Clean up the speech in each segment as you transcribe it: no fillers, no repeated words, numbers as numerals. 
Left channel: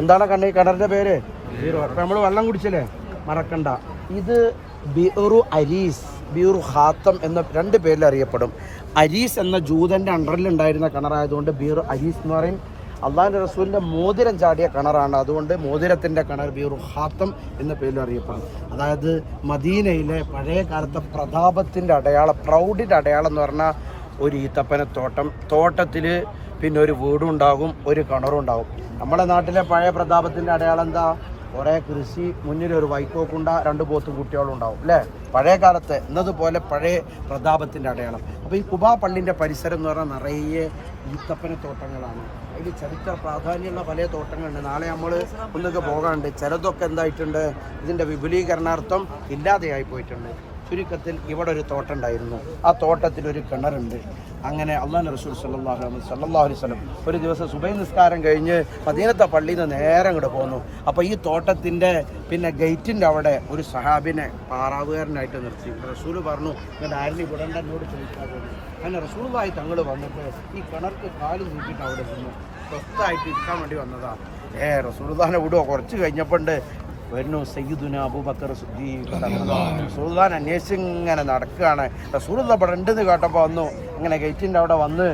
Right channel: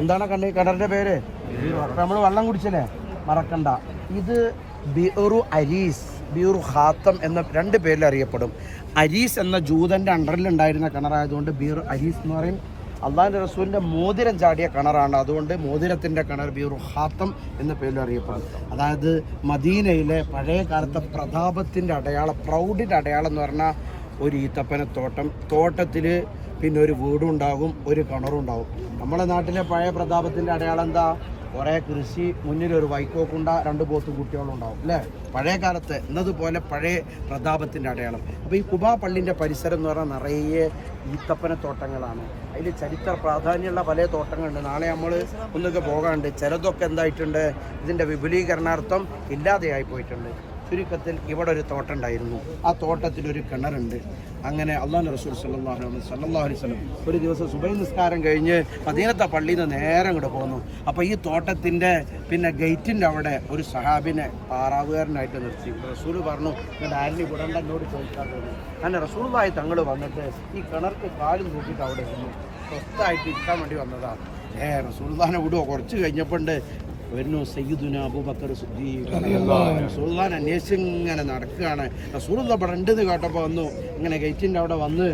എന്താണ് കിണറിന്റെ പേര്? നമ്മൾ വെള്ളം കുടിച്ചില്ലേ, മറക്കണ്ട. ഇത് ബിഉറു അരീസ്, ബിഉറു ഹാത്തം എന്ന രണ്ട് പേരിൽ അറിയപ്പെടും. അരീസ് എന്ന ജൂതന്റെ അണ്ടറിൽ ഉണ്ടായിരുന്ന കിണറായതുകൊണ്ട് ബിഉറു അരീസ് എന്ന് പറയും. അള്ളാഹുവിന്റെ റസൂലിന്റെ മോതിരം ചാടിയ കിണറാണ്, അതുകൊണ്ട് മോതിരത്തിന്റെ കിണർ ബിഉറു ഹാത്തം എന്ന പേരിൽ അറിയപ്പെടും. അതായത് മദീനയിലെ പഴയ കാലത്തെ പ്രതാപത്തിന്റെ അടയാളം, പ്രൗഢിന്റെ അടയാളം എന്ന് പറഞ്ഞാൽ ഒരു ഈത്തപ്പനത്തോട്ടം, തോട്ടത്തിൽ പിന്നെ ഒരു വീടും ഉണ്ടാകും, ഒരു കിണറും ഉണ്ടാകും. നമ്മുടെ നാട്ടിലെ പഴയ പ്രതാപത്തിന്റെ അടയാളം എന്താ? കുറേ കൃഷി, മുന്നിൽ ഒരു വൈക്കോക്കുണ്ട, 2 പോത്തും കുട്ടികളും ഉണ്ടാവും അല്ലേ? പഴയ കാലത്ത് എന്നതുപോലെ പഴയ പ്രതാപത്തിന്റെ അടയാളം. അപ്പോൾ ഈ കുബാ പള്ളിന്റെ പരിസരം എന്ന് പറഞ്ഞാൽ നിറയെ ഈത്തപ്പനത്തോട്ടങ്ങളാണ്. അതിൽ ചരിത്ര പ്രാധാന്യമുള്ള പല തോട്ടങ്ങളുണ്ട്. നാളെ നമ്മൾ ഒന്നൊക്കെ പോകാനുണ്ട്. ചിലതൊക്കെ എന്തായിട്ടുണ്ട്, ഇതിന്റെ വിപുലീകരണാർത്ഥം ഇല്ലാതെയായി പോയിട്ടുണ്ട്. ചുരുക്കത്തിൽ ഇവിടെ ഒരു തോട്ടം ഉണ്ടായിരുന്നു, ആ തോട്ടത്തിൽ ഒരു കിണറുണ്ട്. അങ്ങനെ അള്ളാഹു റസൂൽ സല്ലല്ലാഹു അലൈഹി വസല്ലം ഒരു ദിവസം സുബഹി നിസ്കാരം കഴിഞ്ഞ് മദീനത്തെ പള്ളിയിൽ നിന്ന് നേരെ ഇങ്ങോട്ട് പോന്നു. അപ്പോൾ ഈ തോട്ടത്തിൻ്റെ പിന്നെ ഗേറ്റിൻ്റെ അവിടെ ഒരു സഹാബിനെ പാറാവുകാരനായിട്ട് നിർത്തി. റസൂൽ പറഞ്ഞു, ഇങ്ങോട്ട് ആരിൽ വിടണ്ട, എന്നോട് ചോദിക്കാൻ തോന്നി. അങ്ങനെ റസൂലുള്ളാഹി തങ്ങൾ വന്നിട്ട് ഈ കിണർക്ക് കാലും കൂട്ടിയിട്ട് അവിടെ വന്നു. സ്വസ്ഥമായിട്ട് ഇരിക്കാൻ വേണ്ടി വന്നതാണ്. റസൂലുള്ളാഹിനെ വിടുവോ? കുറച്ച് കഴിഞ്ഞപ്പോണ്ട് വരുന്നു സയ്യിദുന അബൂബക്കർ സിദ്ദീഖ്. റസൂലുള്ളാഹിനെ അന്വേഷിച്ച് ഇങ്ങനെ നടക്കുകയാണ്. റസൂലുള്ളാഹി ഇവിടെ ഉണ്ടെന്ന് കേട്ടപ്പോൾ വന്നു. അങ്ങനെ ഗേറ്റിൻ്റെ അവിടെ വന്ന്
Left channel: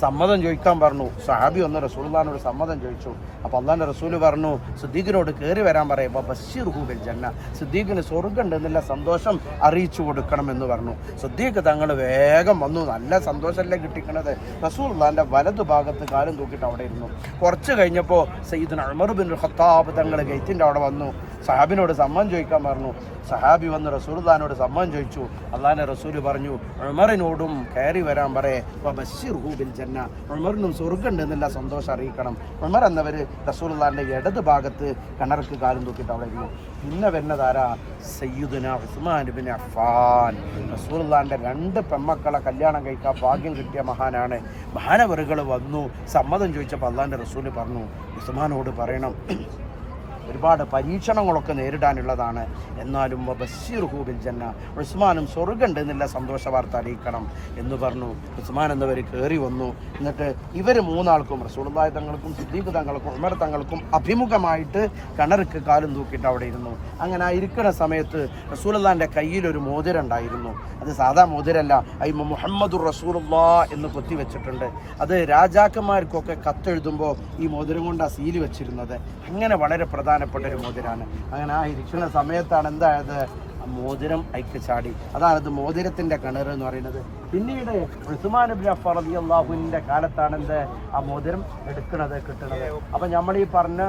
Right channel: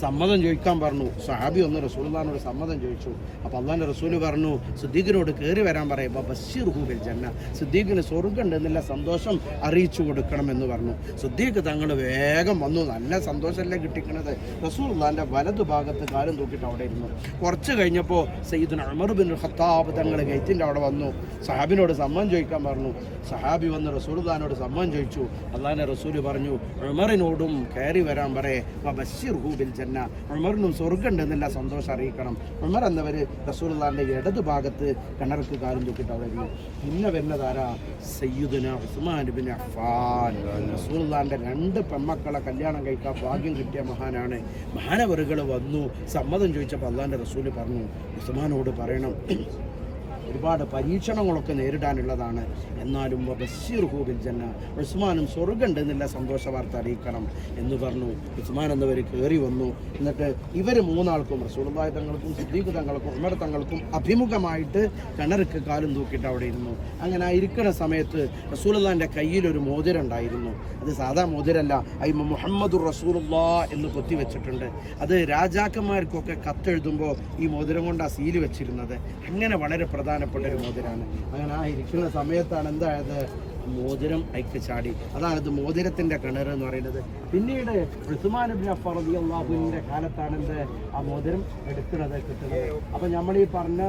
സമ്മതം ചോദിക്കാൻ പറഞ്ഞു. സഹാബി വന്ന് റസൂലുള്ളാഹിനോട് സമ്മതം ചോദിച്ചു. അപ്പോൾ അള്ളാഹുവിന്റെ റസൂല് പറഞ്ഞു, സിദ്ദീഖിനോട് കയറി വരാൻ പറയുമ്പോൾ ബശ്ശിർഹു ബിൽ ജന്ന, സിദ്ദീഖിന് സ്വർഗ്ഗം എന്നുള്ള സന്തോഷം അറിയിച്ചു കൊടുക്കണം എന്ന് പറഞ്ഞു. സിദ്ദീഖ് തങ്ങൾ വേഗം വന്നു. നല്ല സന്തോഷമല്ലേ കിട്ടിക്കണത്. റസൂലുള്ളാഹിന്റെ വലതു ഭാഗത്ത് കാലും തൂക്കിയിട്ട് അവിടെ ഇരുന്നു. കുറച്ച് കഴിഞ്ഞപ്പോൾ സയ്യിദുന ഉമർ ബിൻ ഖത്താബ് തങ്ങൾ ഗേറ്റിൻ്റെ അവിടെ വന്നു. സഹാബിനോട് സമ്മതം ചോദിക്കാൻ പറഞ്ഞു. സഹാബി വന്ന് റസൂലുള്ളാഹിനോട് സമ്മതം ചോദിച്ചു. അള്ളാഹിന്റെ റസൂല് പറഞ്ഞു, ഉമറിനോടും കയറി വരാൻ പറയേ, ബശ്ശിർഹു ബിൽ ജന്ന, ഉമറിനും സ്വർഗ്ഗം എന്നുള്ള സന്തോഷം അറിയിക്കണം. ഉമർ എന്നവര് റസൂലുള്ളാഹിന്റെ ഇടത് ഭാഗത്ത് കിണർക്ക് കാലും തൂക്കിയിട്ട് അവിടെ ഇരുന്നു. പിന്നെ വരുന്നതാരാ? സയ്യിദുന ഉസ്മാൻ ബിൻ അഫ്ഫാൻ. റസൂലുള്ളാഹിന്റെ 2 പെൺമക്കളെ കല്യാണം കഴിക്കാൻ ഭാഗ്യം കിട്ടിയ മഹാനാണ്. മഹാനവറുകൾ വന്നു സമ്മതം ചോദിച്ചപ്പോൾ അള്ളാഹിന്റെ റസൂല് പറഞ്ഞു, ഉസ്മാനോട് പറയണം, ഒരുപാട് പരീക്ഷണങ്ങളൊക്കെ നേരിടാനുള്ളതാണ്, എന്നാലും ബശ്ശിർഹു ബിൽ ജന്ന, ഉസ്മാനും സ്വർഗ്ഗമുണ്ട് എന്നുള്ള സന്തോഷ വാർത്ത അറിയിക്കണം എന്ന് പറഞ്ഞു. ഉസ്മാൻ എന്നവർ കയറി വന്നു. എന്നിട്ട് ഇവർ 3 ആൾക്കും, റസൂലുള്ളാഹി തങ്ങൾക്കും സിദ്ദീഖ് തങ്ങൾക്കും ഉമർ തങ്ങൾക്കും അഭിമുഖമായിട്ട് കിണർക്ക് കാലും തൂക്കിയിട്ട് അവിടെ ഇരുന്നു. അങ്ങനെ ആ ഇരിക്കുന്ന സമയത്ത് റസൂലുള്ളാഹിന്റെ കയ്യിൽ ഒരു മോതിരം ഉണ്ടായിരുന്നു. അത് സാധാ മോതിരല്ല, അതിൽ മുഹമ്മദുർ റസൂലുള്ളാഹ് എന്ന് കൊത്തിവെച്ചിട്ടുണ്ട്. അത് രാജാക്കന്മാർക്കൊക്കെ കത്തെഴുതുമ്പോൾ ഈ മോതിരം കൊണ്ട് ആ സീല് വെച്ചിരുന്നത്. അങ്ങനെ വളരെ പ്രധാനപ്പെട്ട ഒരു മോതിരാണ്. അങ്ങനെ ആ ഇരിക്കുന്ന സമയത്താണ് എന്തായത്, മോതിരം അയക്ക് ചാടി. അതായത് മോതിരത്തിന്റെ കിണർ എന്ന് പറയുന്നത്. പിന്നീട് ഉസ്മാൻ ഇബ്നു അഫ്ഫാൻ റളിയല്ലാഹു അൻഹുവിന്റെ കാലത്താണ് എന്ത്, ആ മോതിരം എടുക്കുന്നത്, കിട്ടുന്നത്. അപ്പൊ നമ്മൾ ഈ പറഞ്ഞ